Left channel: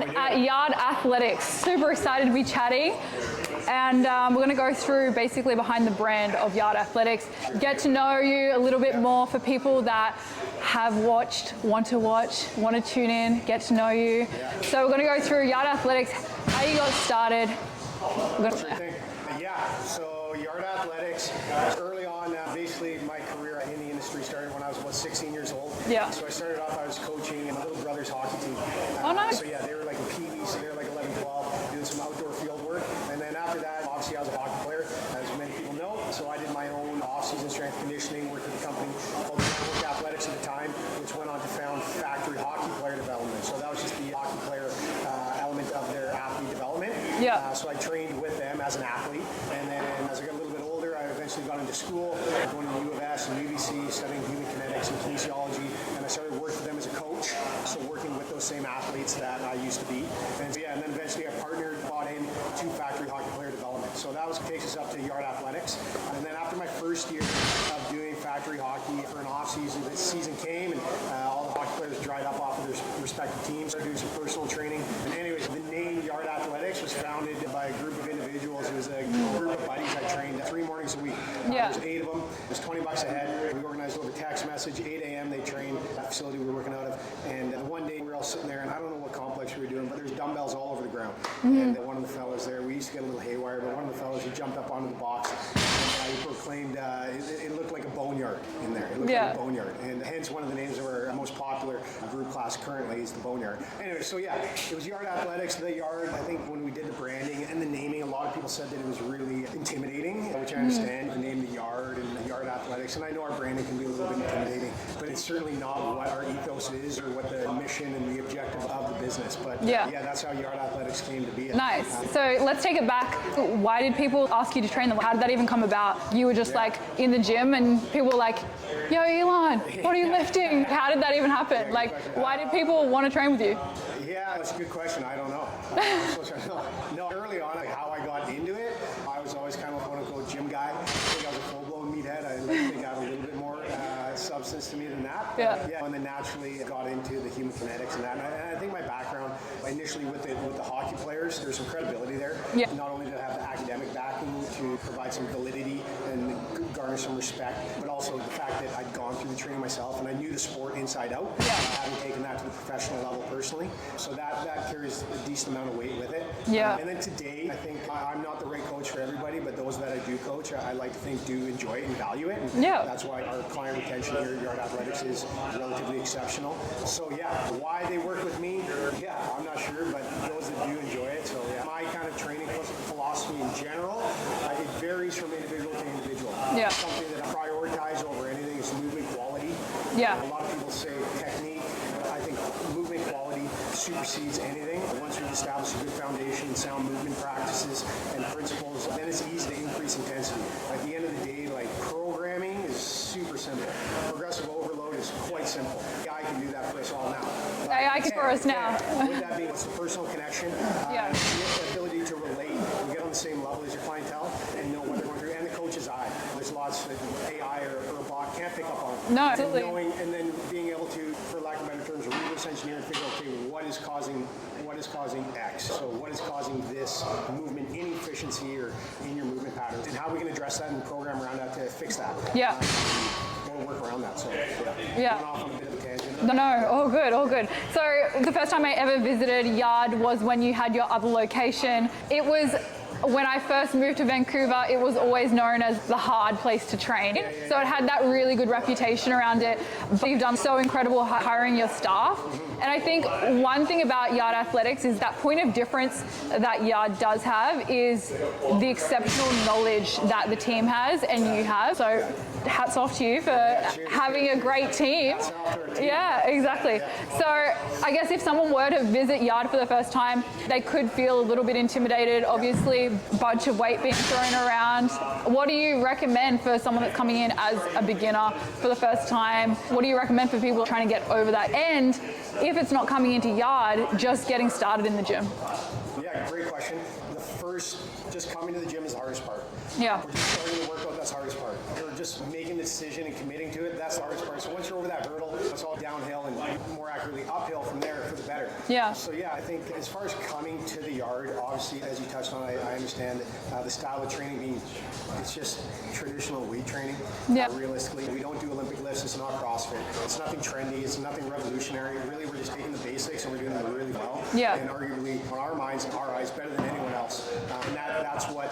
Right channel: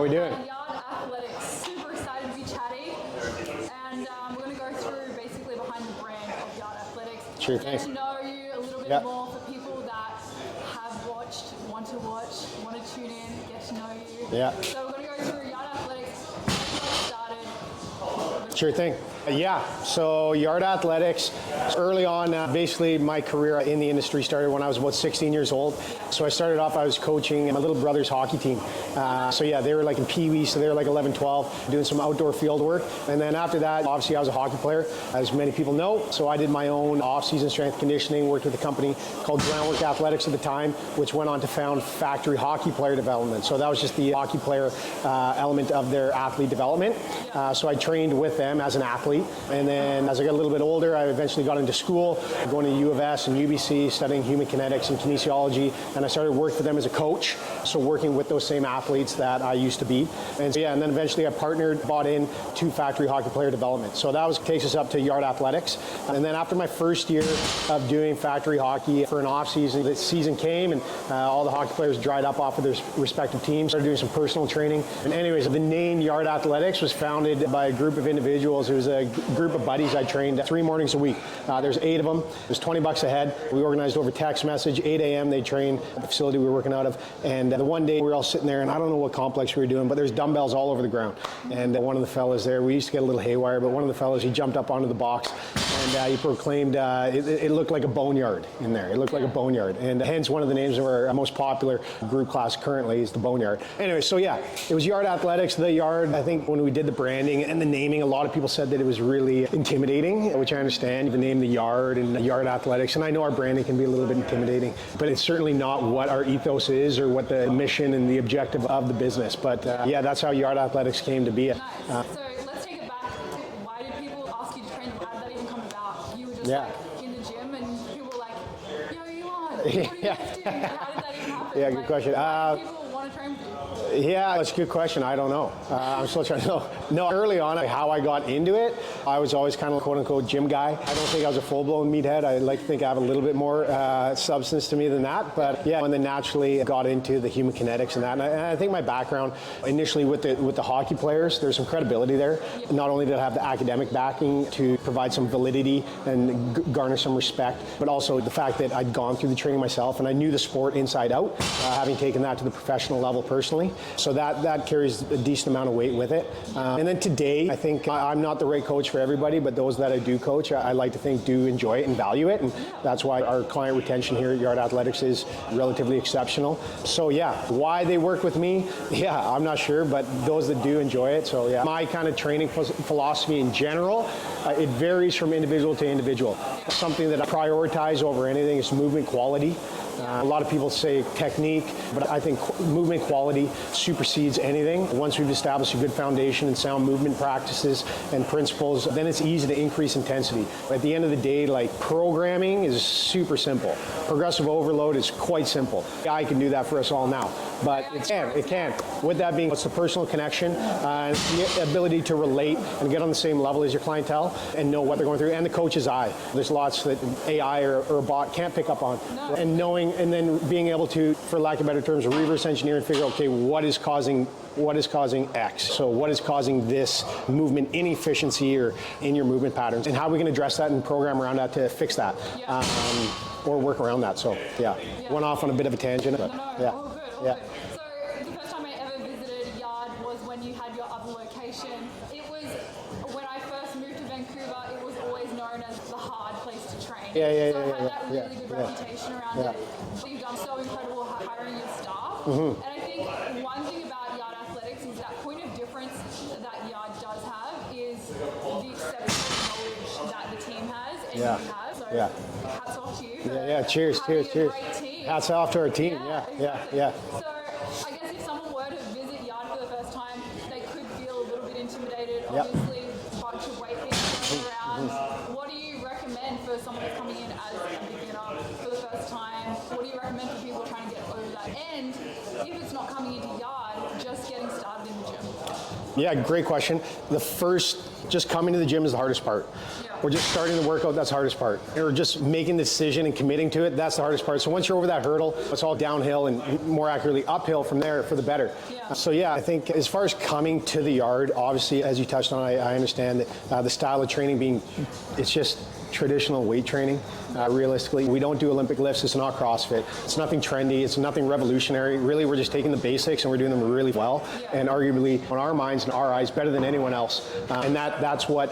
Ilan at Yard Athletics. Super excited to be chatting. And we're going to go through basically behind the brand of Yard Athletics. Sure Get to know you a little bit more for people that have watched, want to tune in, get to know you. Yeah. So we're going to go through Yard Athletics, how you got started. Sure thing. Yeah, so Yard Athletics, early on, basically my career in the industry started when I was about 16 years old. Yeah. So I started off, I was coaching my little brother's hockey team. Nice. So yeah, they were like in Pee-wee, so they were like 11, 12, doing some outdoor field work. And then after that, obviously I was a hockey player, as many people know. So I did my own off-season strength conditioning, worked with a company called Groundwork Athletics at the time, which went on to found Factory Hockey Player Development. So that was just the hockey player element of their athlete development. Yeah. So I trained with them as an athlete. And then as I got a little bit older, I eventually got into school, going to U of S and UBC, studying human kinetics and kinesiology. And I started working for them as a coach. So working with those same athletes that I used to be. And so, yeah, and then eventually I partnered, bought in to Factory Hockey Player Development. So that takes us up to Yard Athletics. And then after my first year of doing factory hockey for an off season, the season came and all the hockey players dried up off of their respective teams, started doing some personal training. And anyways, the name Yard Athletics was founded by a group of individuals. It was a group of buddies I trained 3 mornings a week. There's 8 of them. It was $20 a head. We organized over text message, 8 a.m. They trained at the facility we were working out of. And the one day we were all sitting there, and I don't know what complex we were doing, but there's dumbbells all over the ground. And one of the fellas there, we used to get a little haywire, but one of the fellas, he jumped up onto the box and he proclaimed it looked like a boneyard in there. It looked like a boneyard. And hence one of the names of our most popular group class currently is the Boneyard. Anyway, so yeah, it was Yard Athletics. The Yard, I think when we did the branding and the naming, a lot of people said that it was really intimidating, which I understand, the name The Yard and Yard Athletics. And I know our branding can be a little bit intimidating, but it's certainly not what our ethos is or what the mission and the objective of the business. But yeah, that's how Yard Athletics came to be. Nice. So let's take it back. Why did people ask you to train them? How did that even come about? You were just like in the gym and people were like, yo, Ilan, what are you lifting? How did that even happen? Yeah, like, question. Why did people want to train with you? Yeah, that's a good question. I don't know. I'm still trying to know. No, early on, how I got into it, I was always kind of quote unquote gym guy. I don't think I was a full-blown meathead. I like to think I have a little bit more substance to me than that. But yeah, and then naturally got into the human kinetics and that. And I think my background initially with the hockey players, there's some credibility there. Yeah. Not only did I have the academic backing to provide some validity and garner some respect, but also the fact that I'd gone through the training myself and I knew the sport inside out, having taken that to the professional level personally. So that carries a decent amount of weight with it. Yeah. And then today, I think I'm not the right coach for everybody, but those that I do coach, I like to think do enjoy it and value it. And that's why our client retention here at Yard Athletics is relatively exceptional. So yeah, why they work with me, I'm not sure, but those that do enjoy it. So yeah, my kind of training philosophy in general, it varies from individual to indivial. Yeah. Something that I prioritize over anything is movement quality. Yeah. A lot of people say technique, but I think movement quality supersedes anything. Once we've established a good foundation and sound movement practices and principles, then it's easy to increase intensity. At the end of the day, like programming is super simple. Progressive overload is quite simple. AI can do that for us all now. But it can. With that being, it's the personal connection and the ability to relate and get on the same level as your clientele and know what they're going through, and the coach's eye. There's lots that AI or a bot can't pick up on. No, and knowing, and then being able to, for lack of better terms, reverse engineer and figure out, okay, what is causing X? So what is causing this movement inefficiency or in your movement patterns, and how we can address that and program around that to fix that. Yeah. Or work around that. So went off on a bit of a tangent. No, all good, all good. So the first time I ever visited Yard was when you had your other location. It was when I first moved to Vancouver, it was always known as the hard place to train. So it had that really good reputation around it. But you've done so incredible hiring your staff. And I think one thing about Yard Athletics is that point of difference that Yard does have is the exceptional knowledge that the team has and you have. So hats off to you for having a great team. Hats off to our team. Yeah, exactly. So I guess if someone were to visit Yard for the first time, they could feel a little bit intimidated. Obviously, bunch of weight being thrown around. What do you recommend for someone that's coming in as a beginner for the first time? What do you recommend for people trying to get over that? And if it's not coming into yard, just getting started in the gym? Yeah, great question. Just coming to the gym is the hardest part. Yeah. Or just starting the workout, that's the hardest part. Or just making the decision and committing to it, that's the hardest part. So once you're over that hurdle, it's all downhill and more accurately uphill from there for the better. Yeah. So yeah, I think as far as coming to the yard, obviously, as you touched on, I understand that the style of training it's just traditional weight training. Yep. Realistically, we don't do Olympic lifts. It's not CrossFit. It's nothing trendy. It's nothing revolutionary. Really, we're just taking the basics and we're doing them really well. Yeah. And arguably, in our minds and our eyes, better than anyone else. And that's what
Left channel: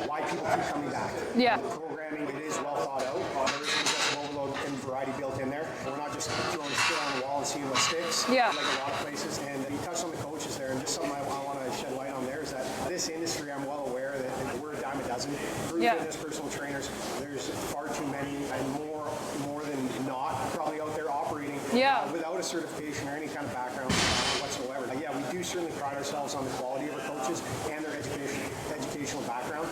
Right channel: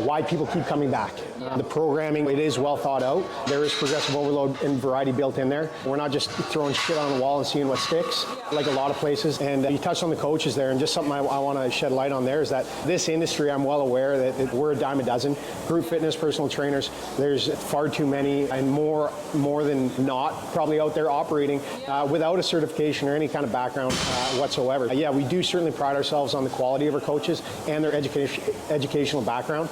why people keep coming back. Yeah. The programming, it is well thought out. There is progressive overload and variety built in there. We're not just throwing shit on the wall and seeing what sticks, like a lot of places. And you touched on the coaches there, and just something I want to shed light on there is that this industry, I'm well aware that we're a dime a dozen. Group fitness, personal trainers, there's far too many, and more than not probably out there operating without a certification or any kind of background whatsoever. We do certainly pride ourselves on the quality of our coaches and their educational background.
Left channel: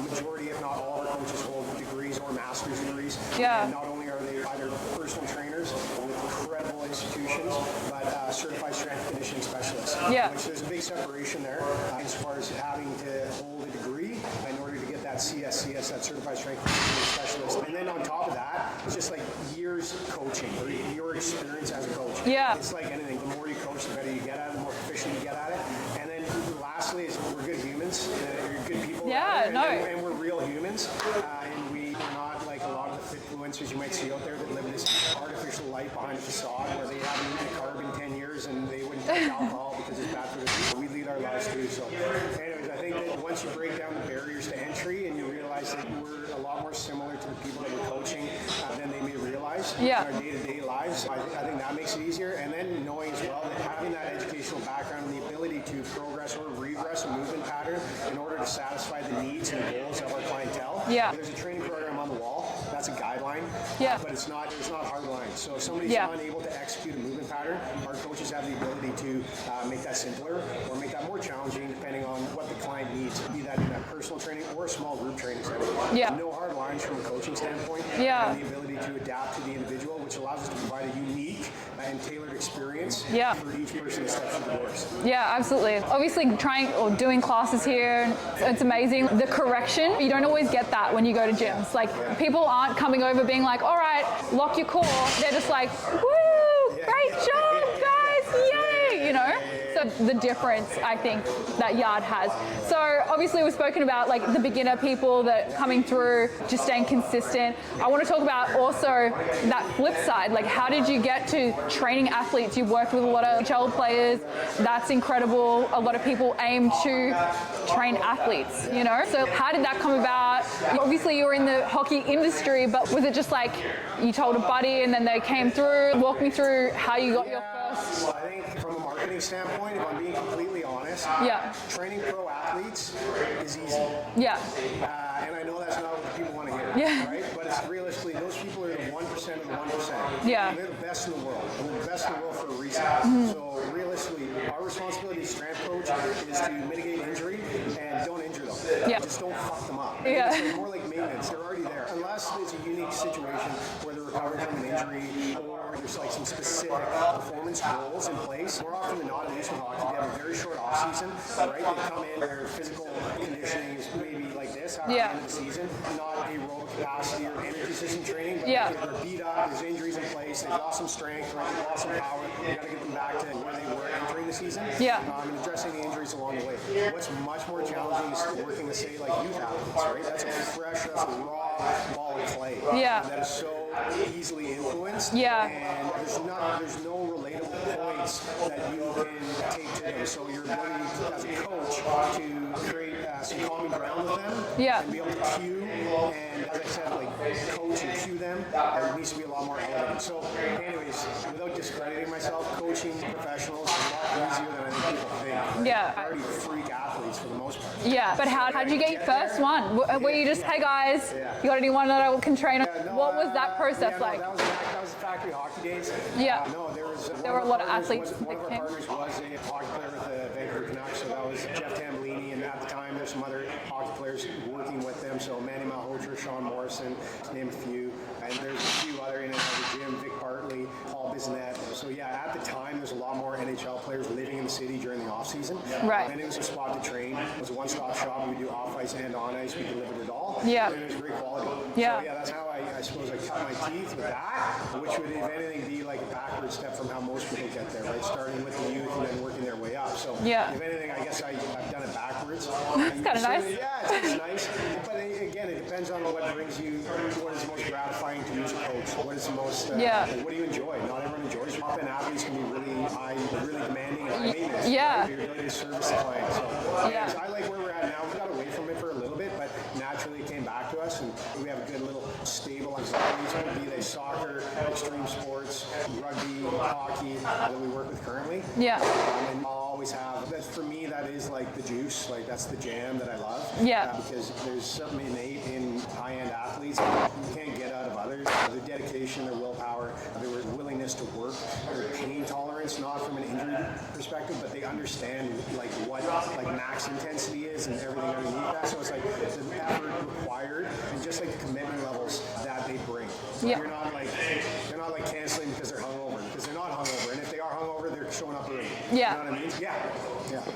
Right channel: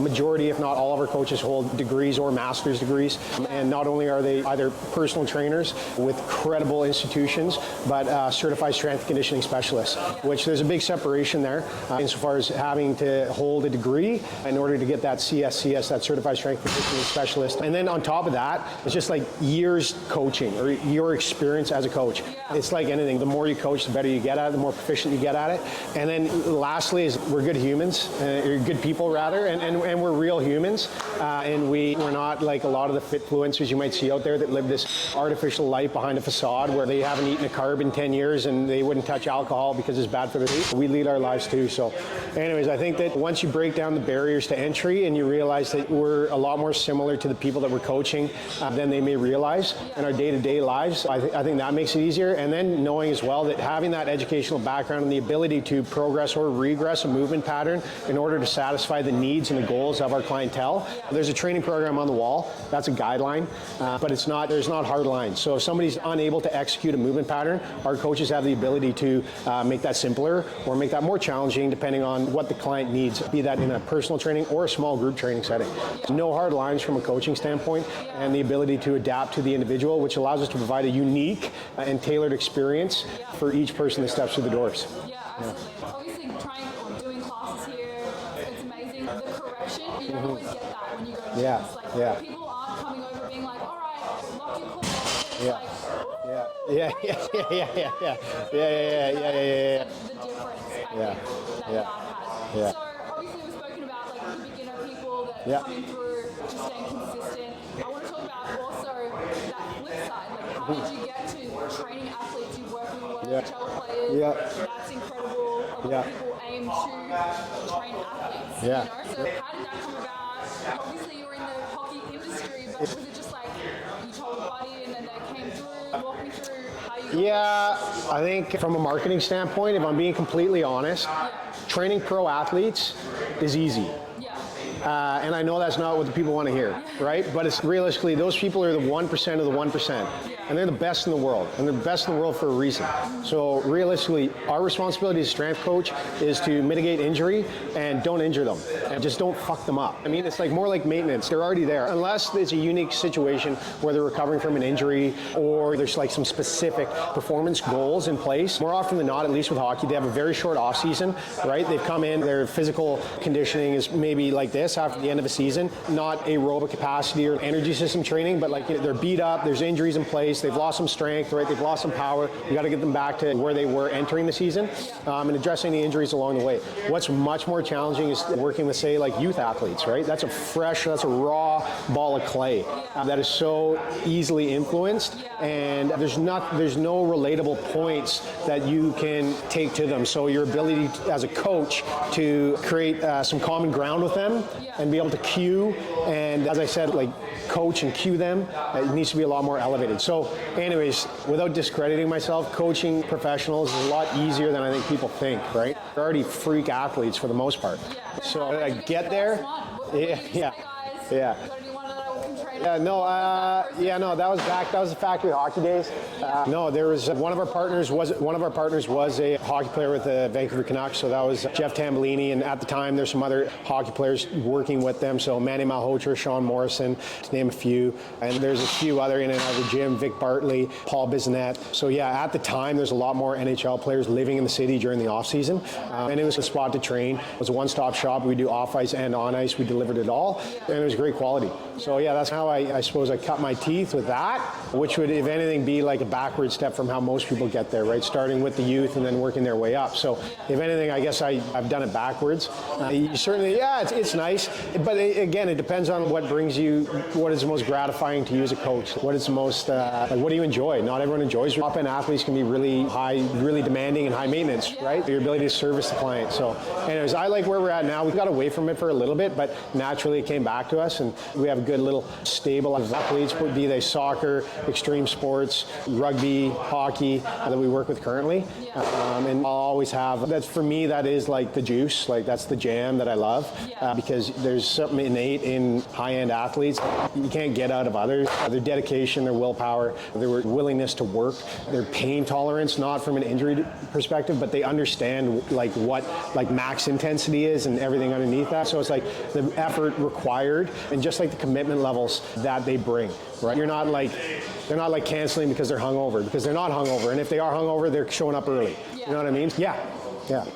Majority, if not all of our coaches hold degrees or master's degrees. And not only are they either personal trainers with credible institutions, but certified strength and conditioning specialists, which there's a big separation there insofar as having to hold a degree in order to get that CSCS, that certified strength and conditioning specialist. And then on top of that, it's just like years coaching or your experience as a coach. It's like anything. The more you coach, the better you get at it, the more proficient you get at it. And then lastly is we're good humans, good people rather, and we're real humans. And we're not like a lot of the fitfluencers you might see out there that live this artificial life behind a facade where they haven't eaten a carb in 10 years and they wouldn't touch alcohol because it's bad for their teeth. We lead our lives too. So anyways, I think that once you break down the barriers to entry and you realize that we're a lot more similar to the people that we're coaching than they may realize in our day-to-day lives, I think that makes it easier. And then knowing as well that having that educational background and the ability to progress or regress a movement pattern in order to satisfy the needs and the goals of our clientele. There's a training program on the wall. That's a guideline, but there's not hard lines. So if somebody's unable to execute a movement pattern, our coaches have the ability to make that simpler or make that more challenging depending on what the client needs, be that in a personal training or a small group training setting. No hard lines from a coaching standpoint, and the ability to adapt to the individual, which allows us to provide a unique and tailored experience for each person that steps through the doors. Absolutely. Obviously trying or doing classes here, it's amazing. The correction, you don't always get that when you go to gyms. People aren't coming over being like, all right, lock your core. They're just like, woo! Great job, guys! Yay! You know? So the difference, I think, that Yard has. So obviously we've spoken about like the beginner people that coming through, just staying consistent. I want to talk about also that flip side. Like, how did you get to training athletes? You worked with a lot of NHL players. That's incredible. A lot of people aim to train athletes, you know? So how did that come about? Obviously you were in the hockey industry, but was it just like you told a buddy and then they came through? Walk me through how you got I think from a marketing standpoint, if I'm being completely honest, training pro athletes is easy. And I know that's not what the people want to hear, right? But it's realistically, those people are the 1% of the 1%. And they're the best in the world. And they're the best in the world for a reason. So realistically, our responsibility as strength coach is to mitigate injury and don't injure them. And just don't fuck them up. I mean, it's like more like maintenance. They're already there. Unless it's a unique situation where they're recovering from an injury or there's like some specific performance goals in place. More often than not, at least with hockey, they have a very short off season, right? They've come in, their physical conditioning is maybe like this after the end of a season, not aerobic capacity or energy system training, but like they're beat up, there's injuries in place, they've lost some strength, right? They've lost some power. You got to get them back to where they were entering the season and addressing the injuries along the way. What's much more challenging is working with, say, like youth athletes, right? That's a raw ball of clay that is so easily influenced, and there's no relatable points that you can take to them. So your ability as a coach to create some common ground with them and be able to cue and, as I said, like coach and cue them, it needs to be a lot more elevated. So anyways, without discrediting myself, coaching professionals is a lot easier than I think people think, right? They're already freak athletes for the most part. But so how did you get your first one? Was Were you just, hey guys, you got anyone that can train? Yeah, no, what was that process yeah, no, like? that was the factory hockey days. Yeah. No, there was one of our of partners was a hockey player with the Vancouver Canucks, so that was Jeff Tambellini, and at the time there's some other hockey players working with them, so Manny Malhotra, Sean Morrison, to name a few, and there's a few other in and out of the gym, Vic Bartley, Paul Bissonnette. So yeah, at the time there's a lot more NHL players living in the city during the off season, right. And it was a spot to train. It was a one-stop shop. We do off ice and on ice. We delivered it all, and it was great quality. So yeah, that's how I suppose I cut my teeth with that, which would, if anything, be like a backward step from how most people get there, right? Starting with the youth and then working their way up. So if anything, I guess I've done it backwards. Certainly, nice. It's nice. But again, it depends on what brings you, what is the most gratifying to you as a coach. What is the most, like, what do you enjoy? Not everyone enjoys. Top-end athletes can be really high, really demanding and high maintenance, right? Your ability to service the client. So anyways, I like where we're at now. We got away from it for a little bit, but naturally it came back to us, and we have a good little stable of athletes, be they soccer, extreme sports, rugby, hockey, that we work with currently. And I'll always have, that's for me, that is like the juice, like that's the jam that I love. Because there's something innate in high-end athletes you can't get out of others. Their dedication, their willpower, their willingness to work, their pain tolerance, not from an injury perspective, but they understand like what like max intensity is and everything underneath that. So it's like the effort required and just like the commitment levels that they bring. Right? They're not like canceling because they're hungover, because they're not hungover, and if they are hungover, they're showing up early. You know what I mean? Yeah.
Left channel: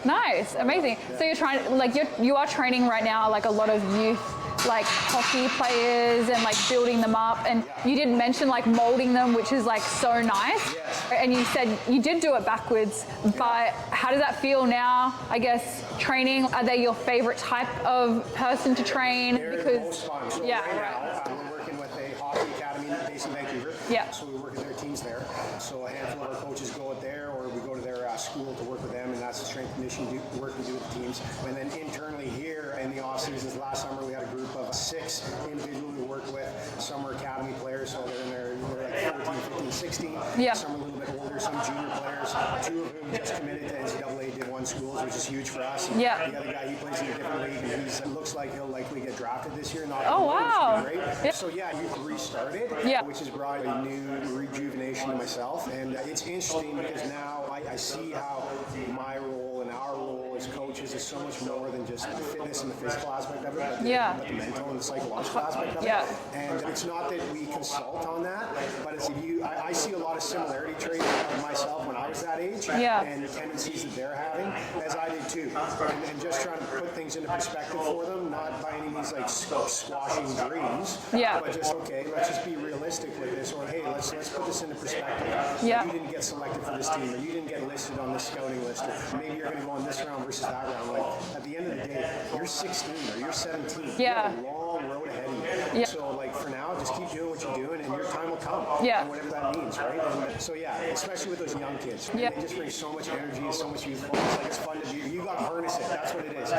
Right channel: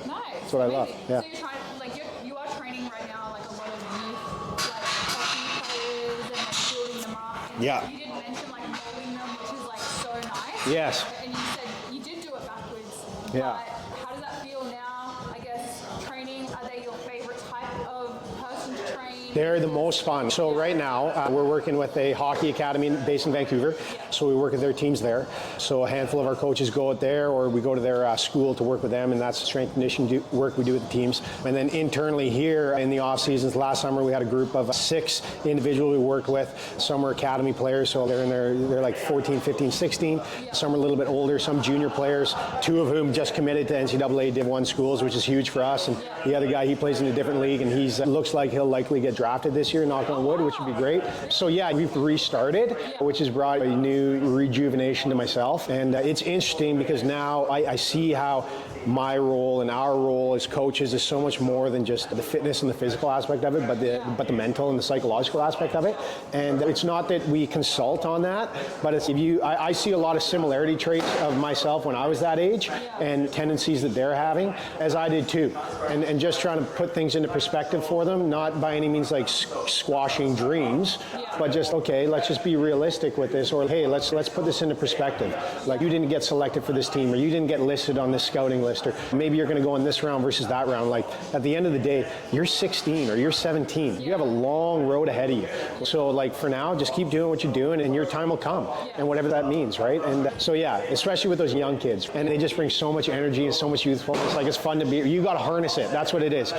Nice, amazing. So you're trying, like you are training right now, like a lot of youth, like hockey players, and like building them up. And you did mention like molding them, which is like so nice. Yes. And you said you did do it backwards, but how does that feel now? I guess training, are they your favorite type of person to train? They're the most fun. So right now we're working with a hockey academy based in Vancouver. So we work with their teams there. So a handful of our coaches go out there, or we go to their school to work with them, and that's strength conditioning work we do with the teams. And then internally here in the off seasons, last summer we had a group of 6 individuals we worked with. Some were academy players, so they're like 14, 15, 16. Some are a little bit older, some junior players, 2 of whom just committed to NCAA Div 1 schools, which is huge for us. And the other guy, he plays in a different league, and he's looks like he'll likely get drafted this year, knock on wood, which would be great. So we've restarted, which has brought a new rejuvenation to myself. And it's interesting because now I see how my role and our role as coaches is so much more than just the fitness and the physical aspect of it, but the mental and the psychological aspect of it. And it's not that we consult on that, but it's I see a lot of similarity traits of myself when I was that age and tendencies that they're having, as I did too. And just trying to put things into perspective for them, not by any means like squashing dreams, but just, okay, let's just be realistic with this, or hey, let's put this into perspective. Like, you didn't get selected for this team, or you didn't get listed on this scouting list, or maybe you're going to go in this round versus that round. Like, at the end of the day, you're 16 or you're 17. You have a long road ahead of you. So like, for now, just keep doing what you're doing, and your time will come. And whatever that means, right? And so especially with those young kids, and they just bring so much energy and so much youthfulness. Like, it's fun to be. You got to harness it. That's what it is.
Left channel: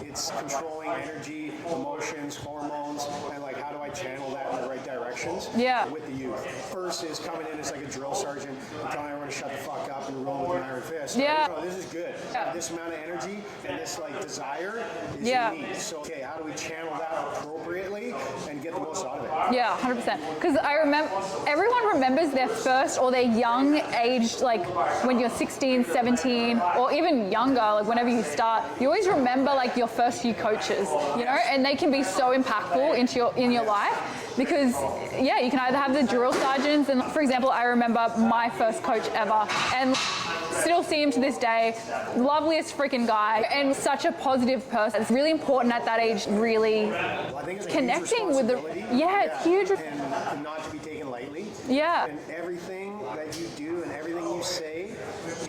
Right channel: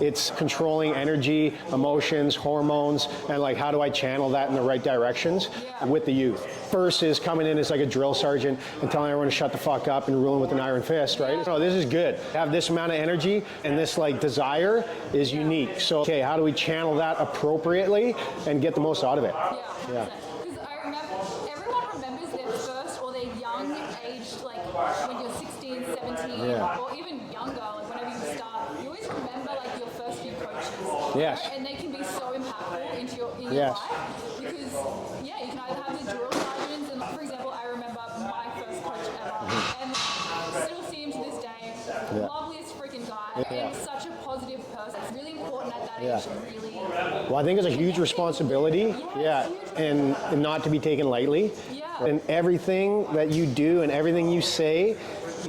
It's controlling energy, emotions, hormones, and like, how do I channel that in the right directions with the youth? Versus coming in as like a drill sergeant and telling everyone to shut the fuck up and ruling with an iron fist. Right? No, this is good. Have this amount of energy, and this like desire is unique. So okay, how do we channel that appropriately and get the most out of it? 100%. Because I remember, everyone remembers their first or their young age, like when you're 16, 17, or even younger, like whenever you start, you always remember like your first few coaches, you know, and they can be so impactful in your life, because you can either have the drill sergeants, and for example, I remember my first coach ever, and still see him to this day, loveliest freaking guy, and such a positive person. It's really important at that age, really. Well, I think it's a huge responsibility. It's huge. And not to be taken lightly. And everything that you do and everything you say,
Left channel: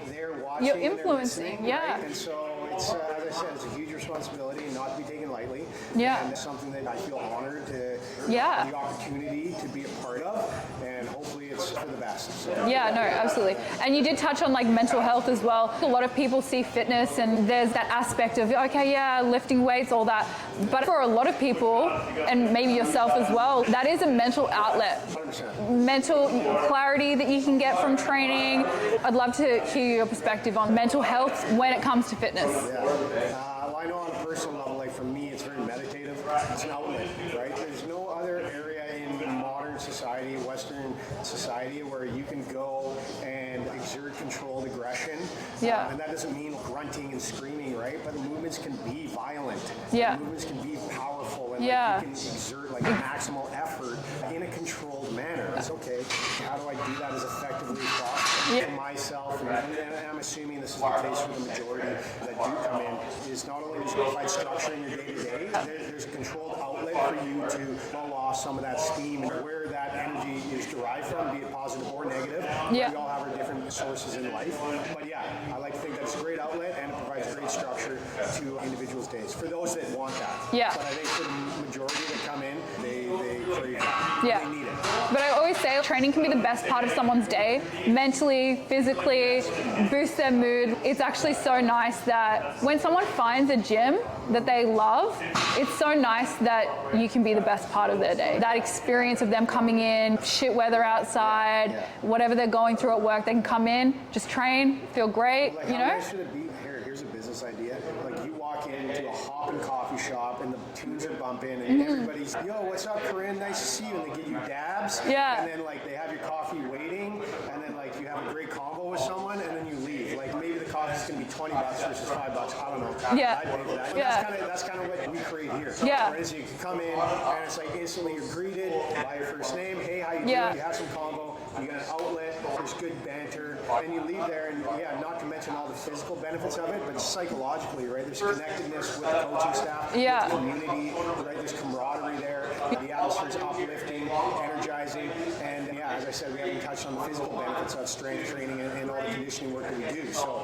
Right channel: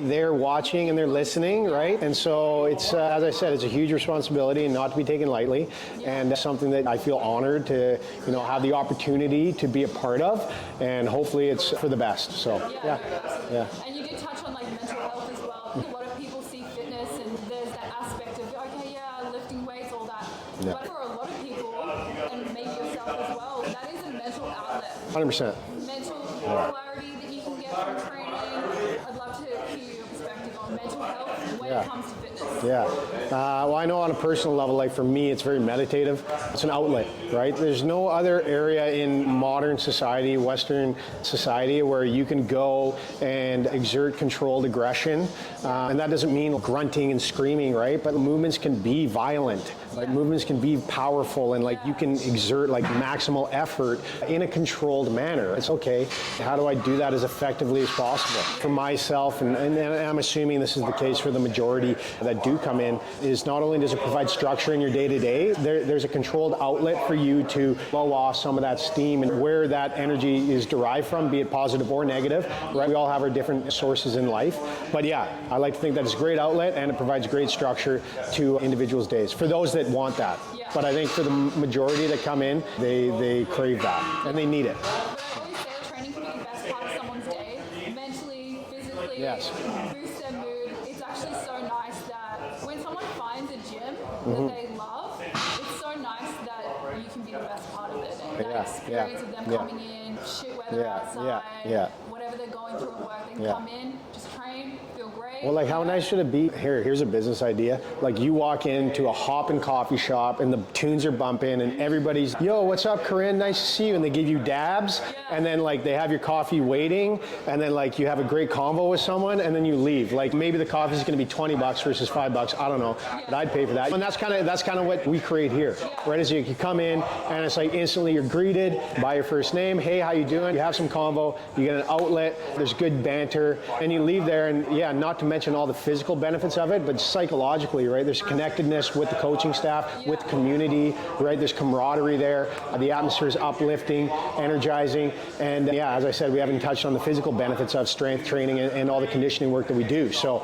they're watching and they're listening, right? And so it's, as I said, it's a huge responsibility and not to be taken lightly. And something that I feel honored to have the opportunity to be a part of, and hopefully it's for the best. So no, absolutely. And you did touch on like mental health as well. A lot of people see fitness and there's that aspect of, okay, lifting weights, all that. But for a lot of people, and maybe yourself as well, that is a mental outlet. 100%. Mental clarity that you can get from training. I'd love to hear your perspective on mental health when it comes to fitness? Yeah. Well, I know on a personal level, like for me, it's very meditative. It's an outlet, right? There's no other area in modern society, Western society, where you can go and exert controlled aggression. Yeah. And that doesn't mean grunting and screaming, right? But movements can be violent. Yeah. Like, movements can be powerful, and like you can exert like maximal effort in a controlled manner. It's okay. How do I do that as effectively as possible? For myself, and I'm assuming this is the case for the majority that do come in, is not only does it provide structure in your day-to-day, there's a controlled outlet for you to blow off some of that steam, and where that energy is derived from, be it positive or negative. Yeah. We all have our different sources in life. But yeah, I like to think that it's a great outlet, and it provides great structure to individuals' days, for those that want that. Yeah. But I think for the majority that come in, they crave that, and they need it. But I always say training can be the best part of someone's day, mentally, physically, boost their mood. It's actually so nice that when someone finds a gym that they love, it's so nice that you can be the best part of their day. That experience of them coming in, shit weather outside, whatever they're going through at work, they can come in, just train, feel great. Well, like how nice should it be? Here's a business idea. Like you walk into a hoppin' coffee shop and the tunes are bumping and everybody's, yo, what's up, Corinne? Nice to see you. And they give you dabs. Yeah. And then like they have your coffee waiting, and then like you have a great convo with someone, and then you leave. Like maybe the coffee's going to be $20 versus $5. I don't know. Yeah. I'd pay for that. And that's kind of what we create here. Yeah. Right? Is you come in and it's like instantly you're greeted by your first name. Hey, how you doing? Yeah. You have some convo. You get an outlet. There's good banter, and you leave there. And not to mention all the physical benefits of it, but psychologically, right? There's connectedness with the coaching staff, with the community, right? There's camaraderie there. The atmosphere is uplifting, energizing, and as I said, we haven't touched on the physical benefits of strength training and all the conditioning work that we do. So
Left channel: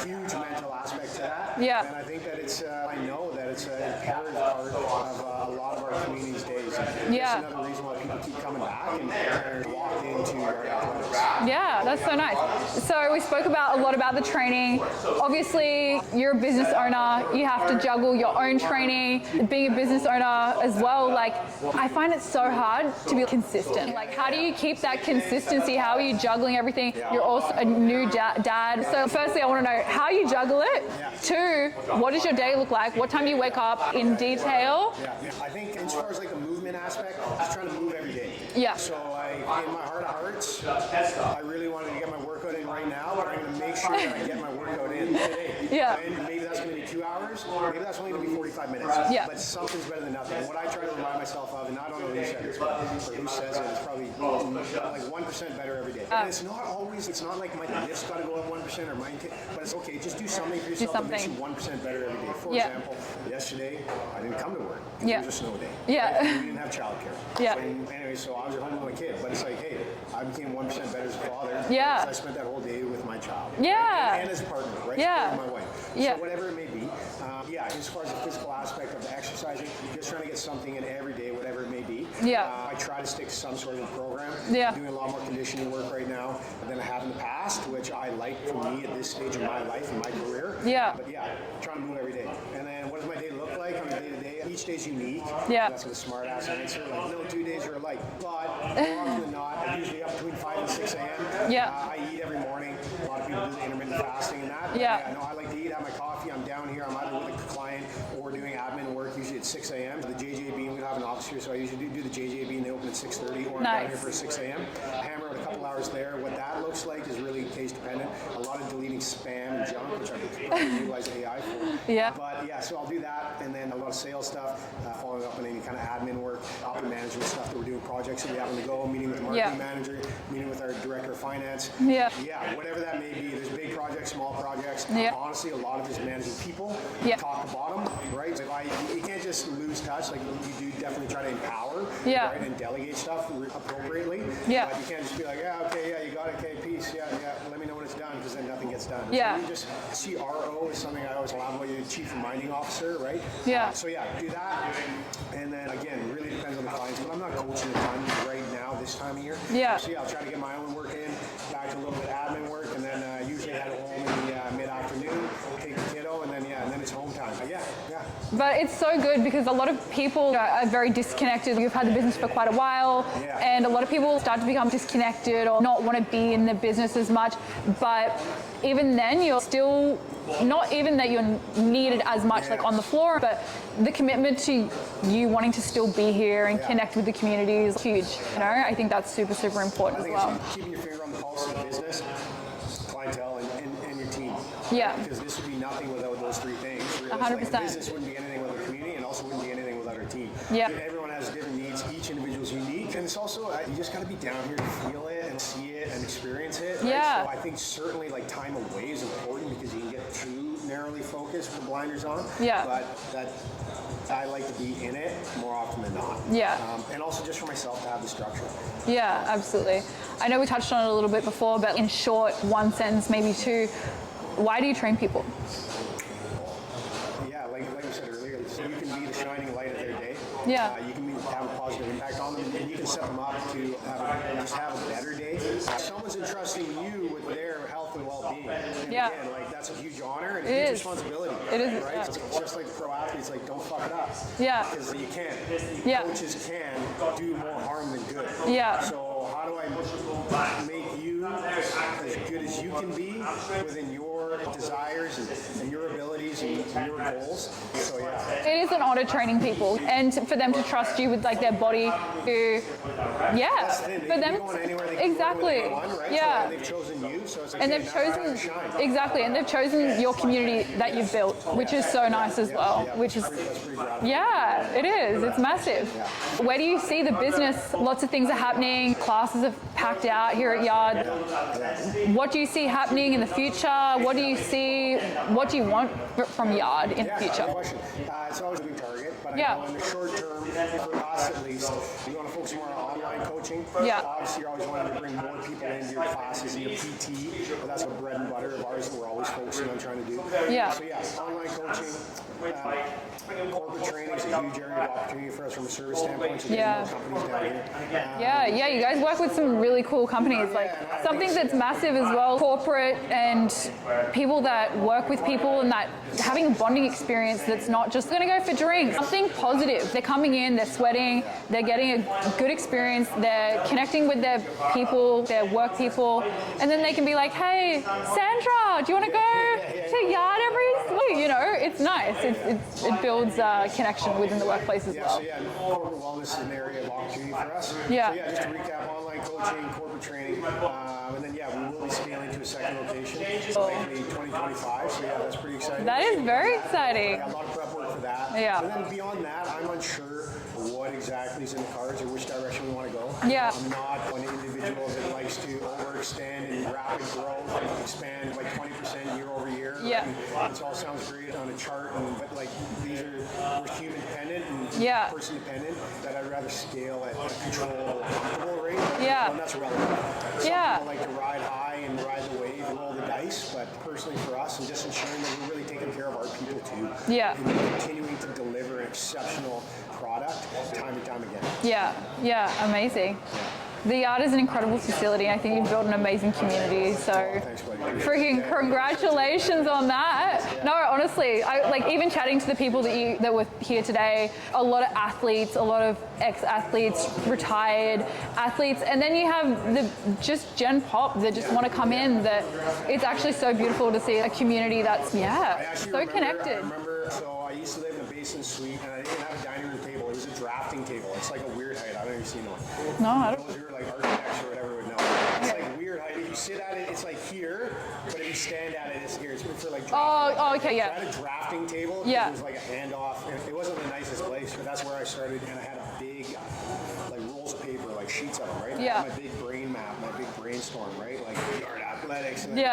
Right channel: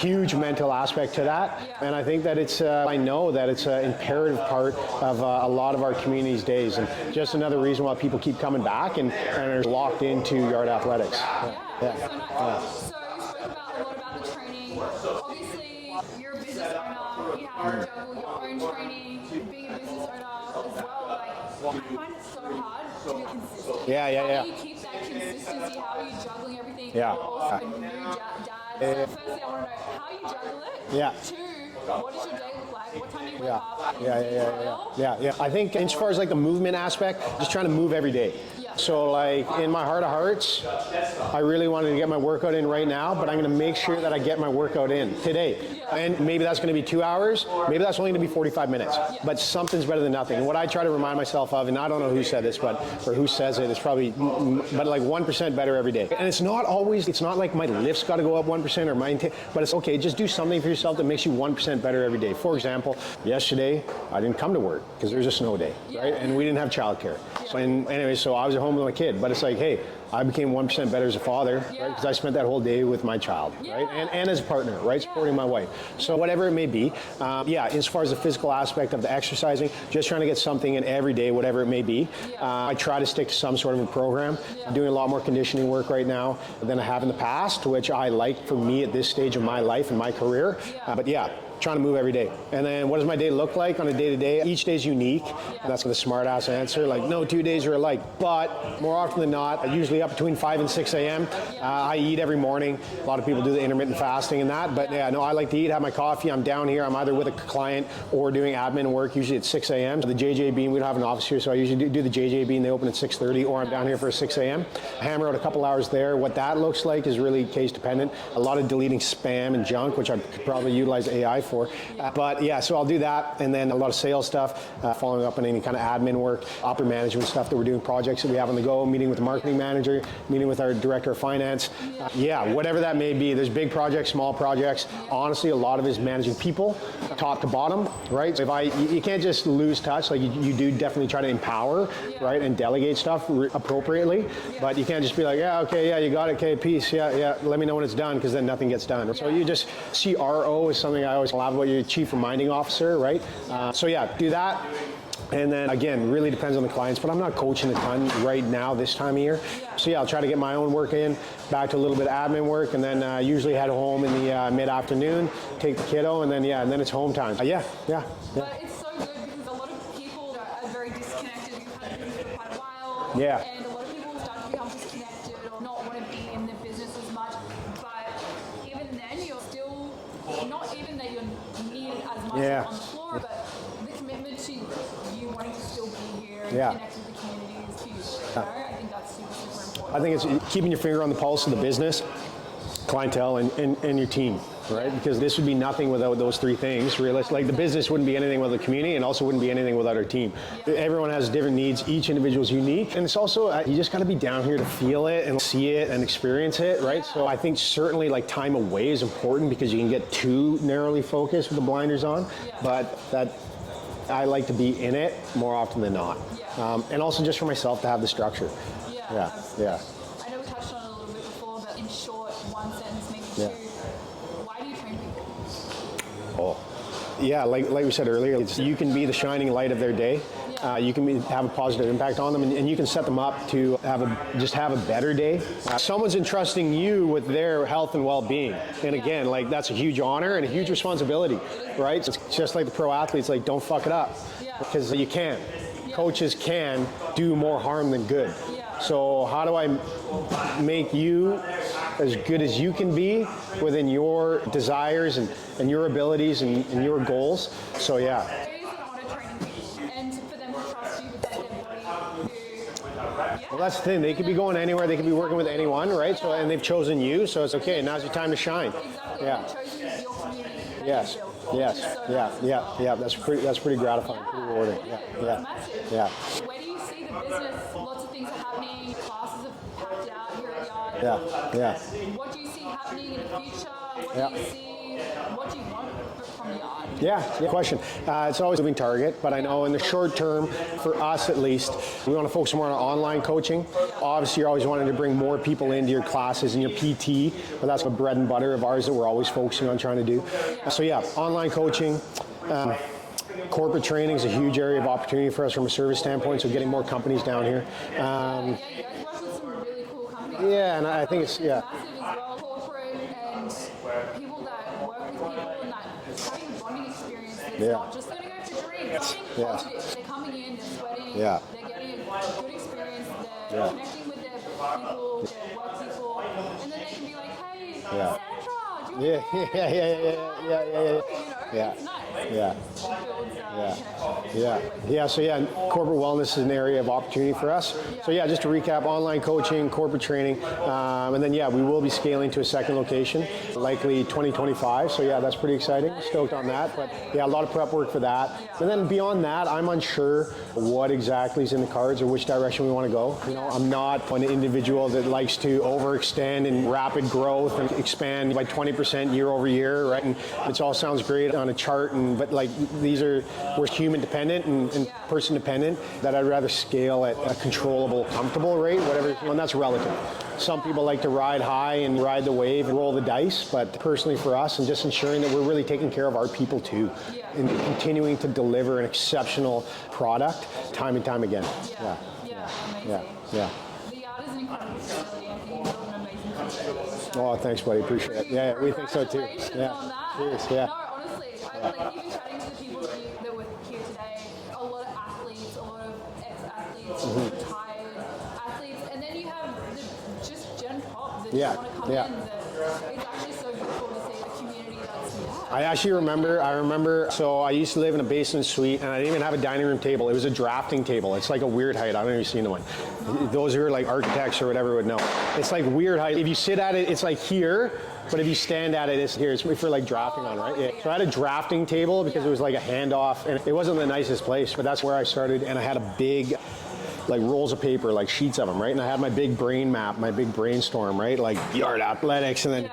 huge mental aspect to that. Yeah. And I think that it's, I know that it's an imperative part of a lot of our community's days. And just another reason why people keep coming back and are locked into yard athletics. Yeah, that's so nice. So we spoke about a lot about the training. Obviously, you're a business owner. You have to juggle your own training, being a business owner as well. Like, I find it so hard to be consistent. How do you keep that consistency? How are you juggling everything? You're also a new dad. So firstly, I want to know how you juggle it. Two, what does your day look like? What time do you wake up in detail? I think as far as like the movement aspect, just trying to move every day. So like in my heart of hearts, I really wanted to get my workout in right now, but I'm going to make sure that I get my workout in today. And maybe that's going to be 2 hours. Maybe that's only going to be 45 minutes. But something's better than nothing. And what I try to remind myself of, and I don't know who said this, or who says it, it's probably, but like 1% better every day. And it's not always, it's not like my lift's got to go up 1% or my intent, but it's okay. Just do something for yourself that makes you 1% better every day. For example, yesterday I didn't come to work because it was a snow day. Right? And we didn't have childcare. And anyway, so I was at home with my kid, but it's like, hey, I became 1% better as a father because I spent that whole day with my child, right? and as a partner, right? Supporting my wife. So whatever it may be, as far as the physical aspect of the exercising, just trying to get something in every day, whatever it may be. I try to stick to some sort of a program. I'm doing a lot more conditioning work right now than I have in the past, which I like for me at this stage of my life and my career. But trying to move every day. And then what does my day look like on a day-to-day? Each day is unique. That's the smart-ass answer. Like, no 2 days are alike. But more often than not, I usually up between 5 and 6 a.m. I eat every morning. A lot of people do the intermittent fasting and that. But I like to eat, have my coffee. I'm down here. I'm either with a client or doing admin work, usually at 6 a.m. So the JJ Bean, we don't have an office here, so I usually do the JJ Bean. They open at 6:30, or I'm down here for 6 a.m. Hammer out a couple hours there. What that looks like is really case dependent. A lot of deleting spam and junk, which I could probably utilize AI for. But so I'll do that, and then a lot of sales stuff, following up on any kind of admin work, upper management stuff that we're doing, projects that we have on the go, meeting with the marketing manager, meeting with our director of finance. Whatever that may be. There's big projects, small projects. Honestly, a lot of it is managing people, top to bottom, right? So you can't just lose touch. Like you do definitely try to empower, right, and delegate stuff appropriately. But you can't just be like, you got it, okay, peace, let me know when it's done, because then nothing gets done. So you just, CRO is something I always love about your chief reminding officer, right? Do that. And then again, really depends on the clients, but I'm not coaching a ton right now this time of year. So yeah, I'll try to get my own work in, back to a little bit of admin work, and then usually head home in the mid-afternoon, take the kiddo, and then it's home time. Yeah. But it's so good because a lot of people are very disconnected. You've had the business for quite a while, and a lot of people start to become disconnected or not want to be in the business as much. But even then, you're still, not even that you're needed as much like on the floor, but the commitment to you wanting to still be here and connect with the community is huge. You know, I think that's super, super important. I think it's keeping your finger on the pulse of the business, clientele, and your team. Right? Yeah. Because this would be nothing without those three things. Realistic, like the business wouldn't be anything without the community, and also wouldn't be anything without our team. Yeah. Everyone has different needs. Each individual is unique, and it's also you just got to be down here to feel it and see it and experience it, right? Yeah. So I think certainly like time away is important because you can get too narrowly focused with the blinders on. Yeah. But that. I like to be in it more often than not. Yeah. And also just for myself to have the structure. Yeah, absolutely. Yeah. I know we touched on it a little bit before, but in short, one sentence, maybe two, why do you train people? Yeah, like we said earlier, you can be the shining light of their day. Yeah. You can have a positive impact on them, and you can set them up to have a better day. Someone's entrusting you with their health and well-being, and again, like that's a huge honor and a huge responsibility. It is, right? It's just like the pro athletes, like don't fuck it up. Yeah. Because you can. Yeah. Coaches can do more harm than good. Yeah. So how do I make you as good as you can be within your desires and your abilities and your goals? So yeah. It is an honor training people, and for them to trust you with like their body to, Well, that's the thing. They can be going anywhere. They can be working with anyone, right? Yeah. So, and they've chosen you. So it's okay. Now's the time to shine. Exactly, and they've chosen your community that you've built, which is so nice as well. Yeah, which that's pretty gratifying. Yeah, it is. It's massive. Yeah. Where do you see the business? Lots of things are happening. Classes are packed out here at Yard. Yeah. What do you see happening in the future? What do you see? What do you want from Yard in the future? Good question. It's always a moving target, but I know in the short term, for us at least, we want to focus more on online coaching. Yeah. Obviously, you're always wanting to bring more people into your classes and your PT, but that's the bread and butter of ours that we're always focusing on trying to do. Yeah. So yeah, online coaching. Corporate training is a huge area of opportunity for us from a service standpoint, so getting more companies down here. You guys work with some really cool companies. And I something think that's massive as well, corporate and people that work with people and that having a bonding experience that's not just going to go for drinks, something positive. They're coming in, they're sweating, they're getting a good experience, they're connecting with their people, their work people, and then they can be like, hey, Sandra, do you want to go to Yard every week? You know, it's nice. It builds connection within the workplace as well. So corporate wellness is an area of opportunity for us. So just to recap, online coaching, corporate training, and then we will be scaling to a second location, likely 2025. So that's pretty exciting. That is very exciting. But, a lot of prep work for that. And then beyond that, I'm unsure what exactly is in the cards or which direction we want to go. You know, I'm not an individual that likes to overextend in rapid growth and expand by 20% year over year, right? And it all sounds great on a chart, but like we're human dependent and person dependent, that I'd rather scale at a controllable, comfortable rate, whatever, and that's relative. Some people like to ride high and ride the wave and roll the dice, but personally for us, and just ensuring that we're really taking care of our people too. And continuing to deliver an exceptional product time and time again. Amazing. The Yard is an incredible facility. I think you've built an amazing community. So thanks, buddy. Appreciate it. Congratulations on that. No, honestly, even chatting to the people that were here today, a lot of athletes, a lot of ex-athletes, retired athletes, and then you have the just Gen Pop that just want to come in. That it's actually so beautiful to see a community that's I actually remember. So I used to live in a basement suite, and I didn't even have a dining room table. It was a drafting table. It's like a weird height. I've never seen one. No. Those who are like architects or whatever would know. It's like weird height. If you sit at it, it's like here, but if you stand at it, it's here. It's for like drafting. So I had a drafting table because it was like a handoff, and it wasn't the nicest place, but that's where I started, and I had a big like rolls of paper, like sheets of them, right? And I had my big brain map, my big brainstorm, right? Like Yard athletics, and then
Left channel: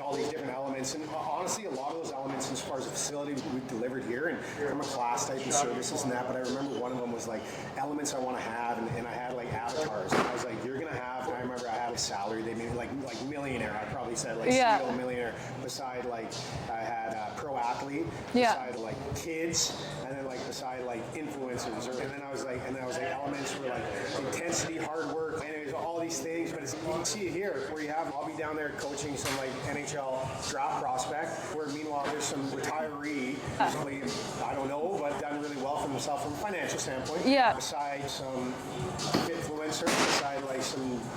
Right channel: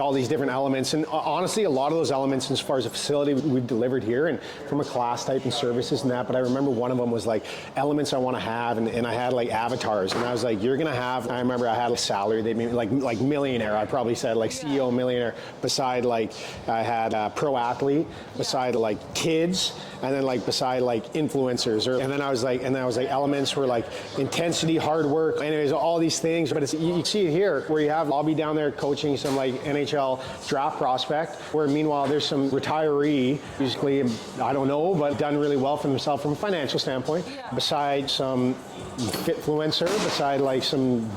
all these different elements. And honestly, a lot of those elements, as far as a facility we've delivered here, and from a class type and services and that. But I remember one of them was like elements I want to have, and I had like avatars, and I was like, you're gonna have. I remember I had a salary. They made like millionaire. I probably said like CEO millionaire. Beside like I had pro athlete. Beside like kids, and then like beside like influencers, and then I was like elements elements were like intensity, hard work, anyways, all these things. But you see it here where you have Bobby down there coaching some like NHL draft prospect, where meanwhile there's some retiree, usually, I don't know, but done really well for himself from a financial standpoint. Yeah. Beside some fitfluencer, beside like some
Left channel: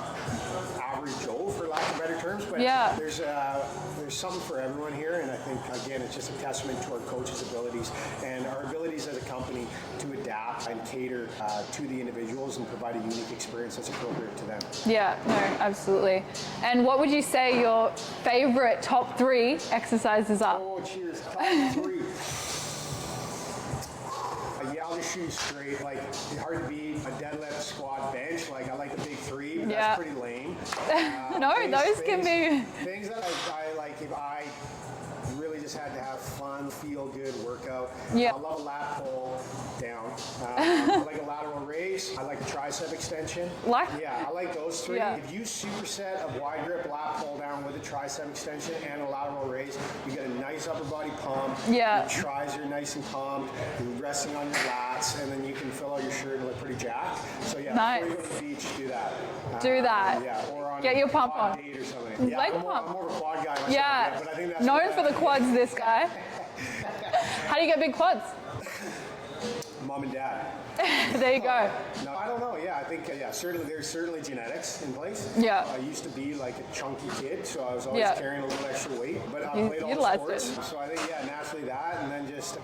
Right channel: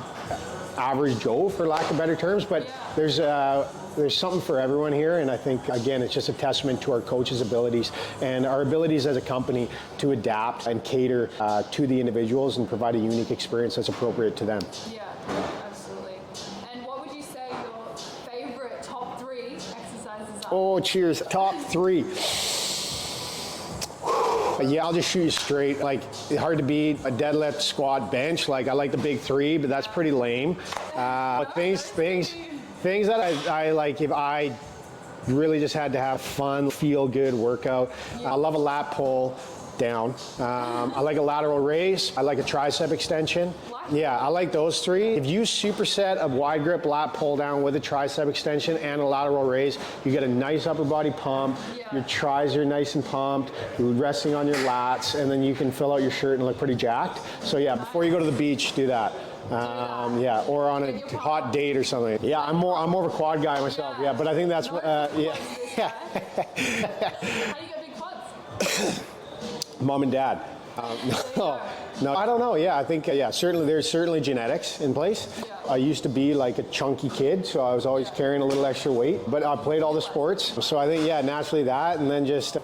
average Joe, for lack of better terms. But there's something for everyone here, and I think, again, it's just a testament to our coaches' abilities and our abilities as a company to adapt and cater to the individuals and provide a unique experience that's appropriate to them. Yeah, no, absolutely. And what would you say your favorite top 3 exercises are? Oh, cheers. Top 3. Yeah, I'll just shoot you straight. Like, it's hard to beat a deadlift, squat, bench. Like, I like the big 3, but that's pretty lame. No, those can be... Things that I like, if I really just had to have fun, feel good workout. Yeah. I love a lat pull down. I like a lateral raise. I like a tricep extension. Yeah, I like those 3. Yeah. If you superset a wide grip lat pull down with a tricep extension and a lateral raise, you get a nice upper body pump. Yeah. Your tris are nice and pumped. You're resting on your lats, and then you can fill out your shirt and look pretty jacked. So yeah, before you go to the beach, do that. Yeah, or on a hot date or something. Yeah, I'm more of a quad guy myself. Yeah, but I think that's known for the quads. This guy. How do you get big quads? Mom and dad. There you go. No, I don't know. Yeah, I think certainly there's genetics in place. Yeah. I used to be like a chunky kid, so I was always carrying a little extra weight. But I played all the sports, so I think naturally that, and then just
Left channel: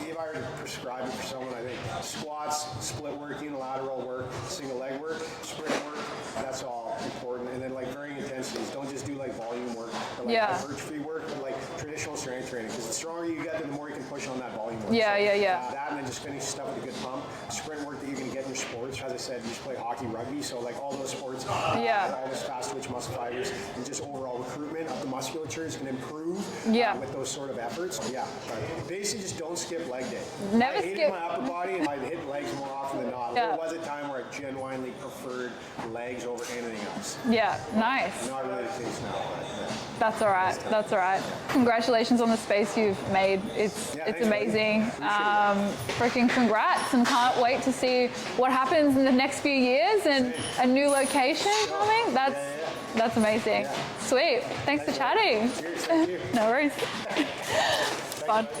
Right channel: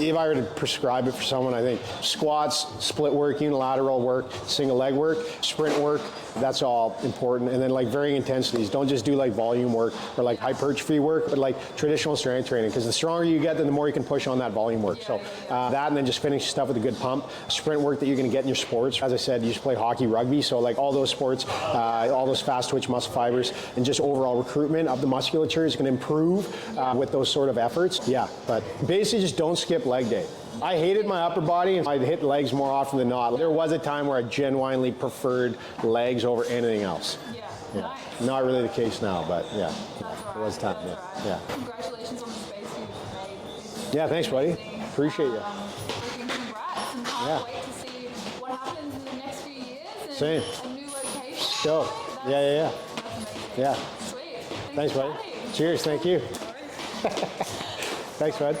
if I were to prescribe it for someone, I think squats, split work, unilateral work, single leg work, sprint work, that's all important. And then like varying intensities. Don't just do like volume work or like hypertrophy work, but like traditional strength training. Because the stronger you get, then the more you can push on that volume work. That, and then just finish stuff with a good pump. Sprint work that you're going to get in your sports. As I said, you just play hockey, rugby, so like all those sports, all those fast twitch muscle fibers, and just overall recruitment of the musculature is going to improve with those sort of efforts. Yeah, but basically just don't skip leg day. I hated my upper body, and I'd hit legs more often than not. There was a time where I genuinely preferred legs over anything else. Yeah, nice. Not really the case now, but yeah. That's all right. That's all right. Yeah. Congratulations on the space you've made. It's thanks, amazing. Buddy. Appreciate it. Freaking congrats, and can't wait to see what happens in the next few years and a new location coming. That's amazing. Yeah. Sweet. Thanks for chatting. Cheers. Thank you. No worries. Thanks, bud.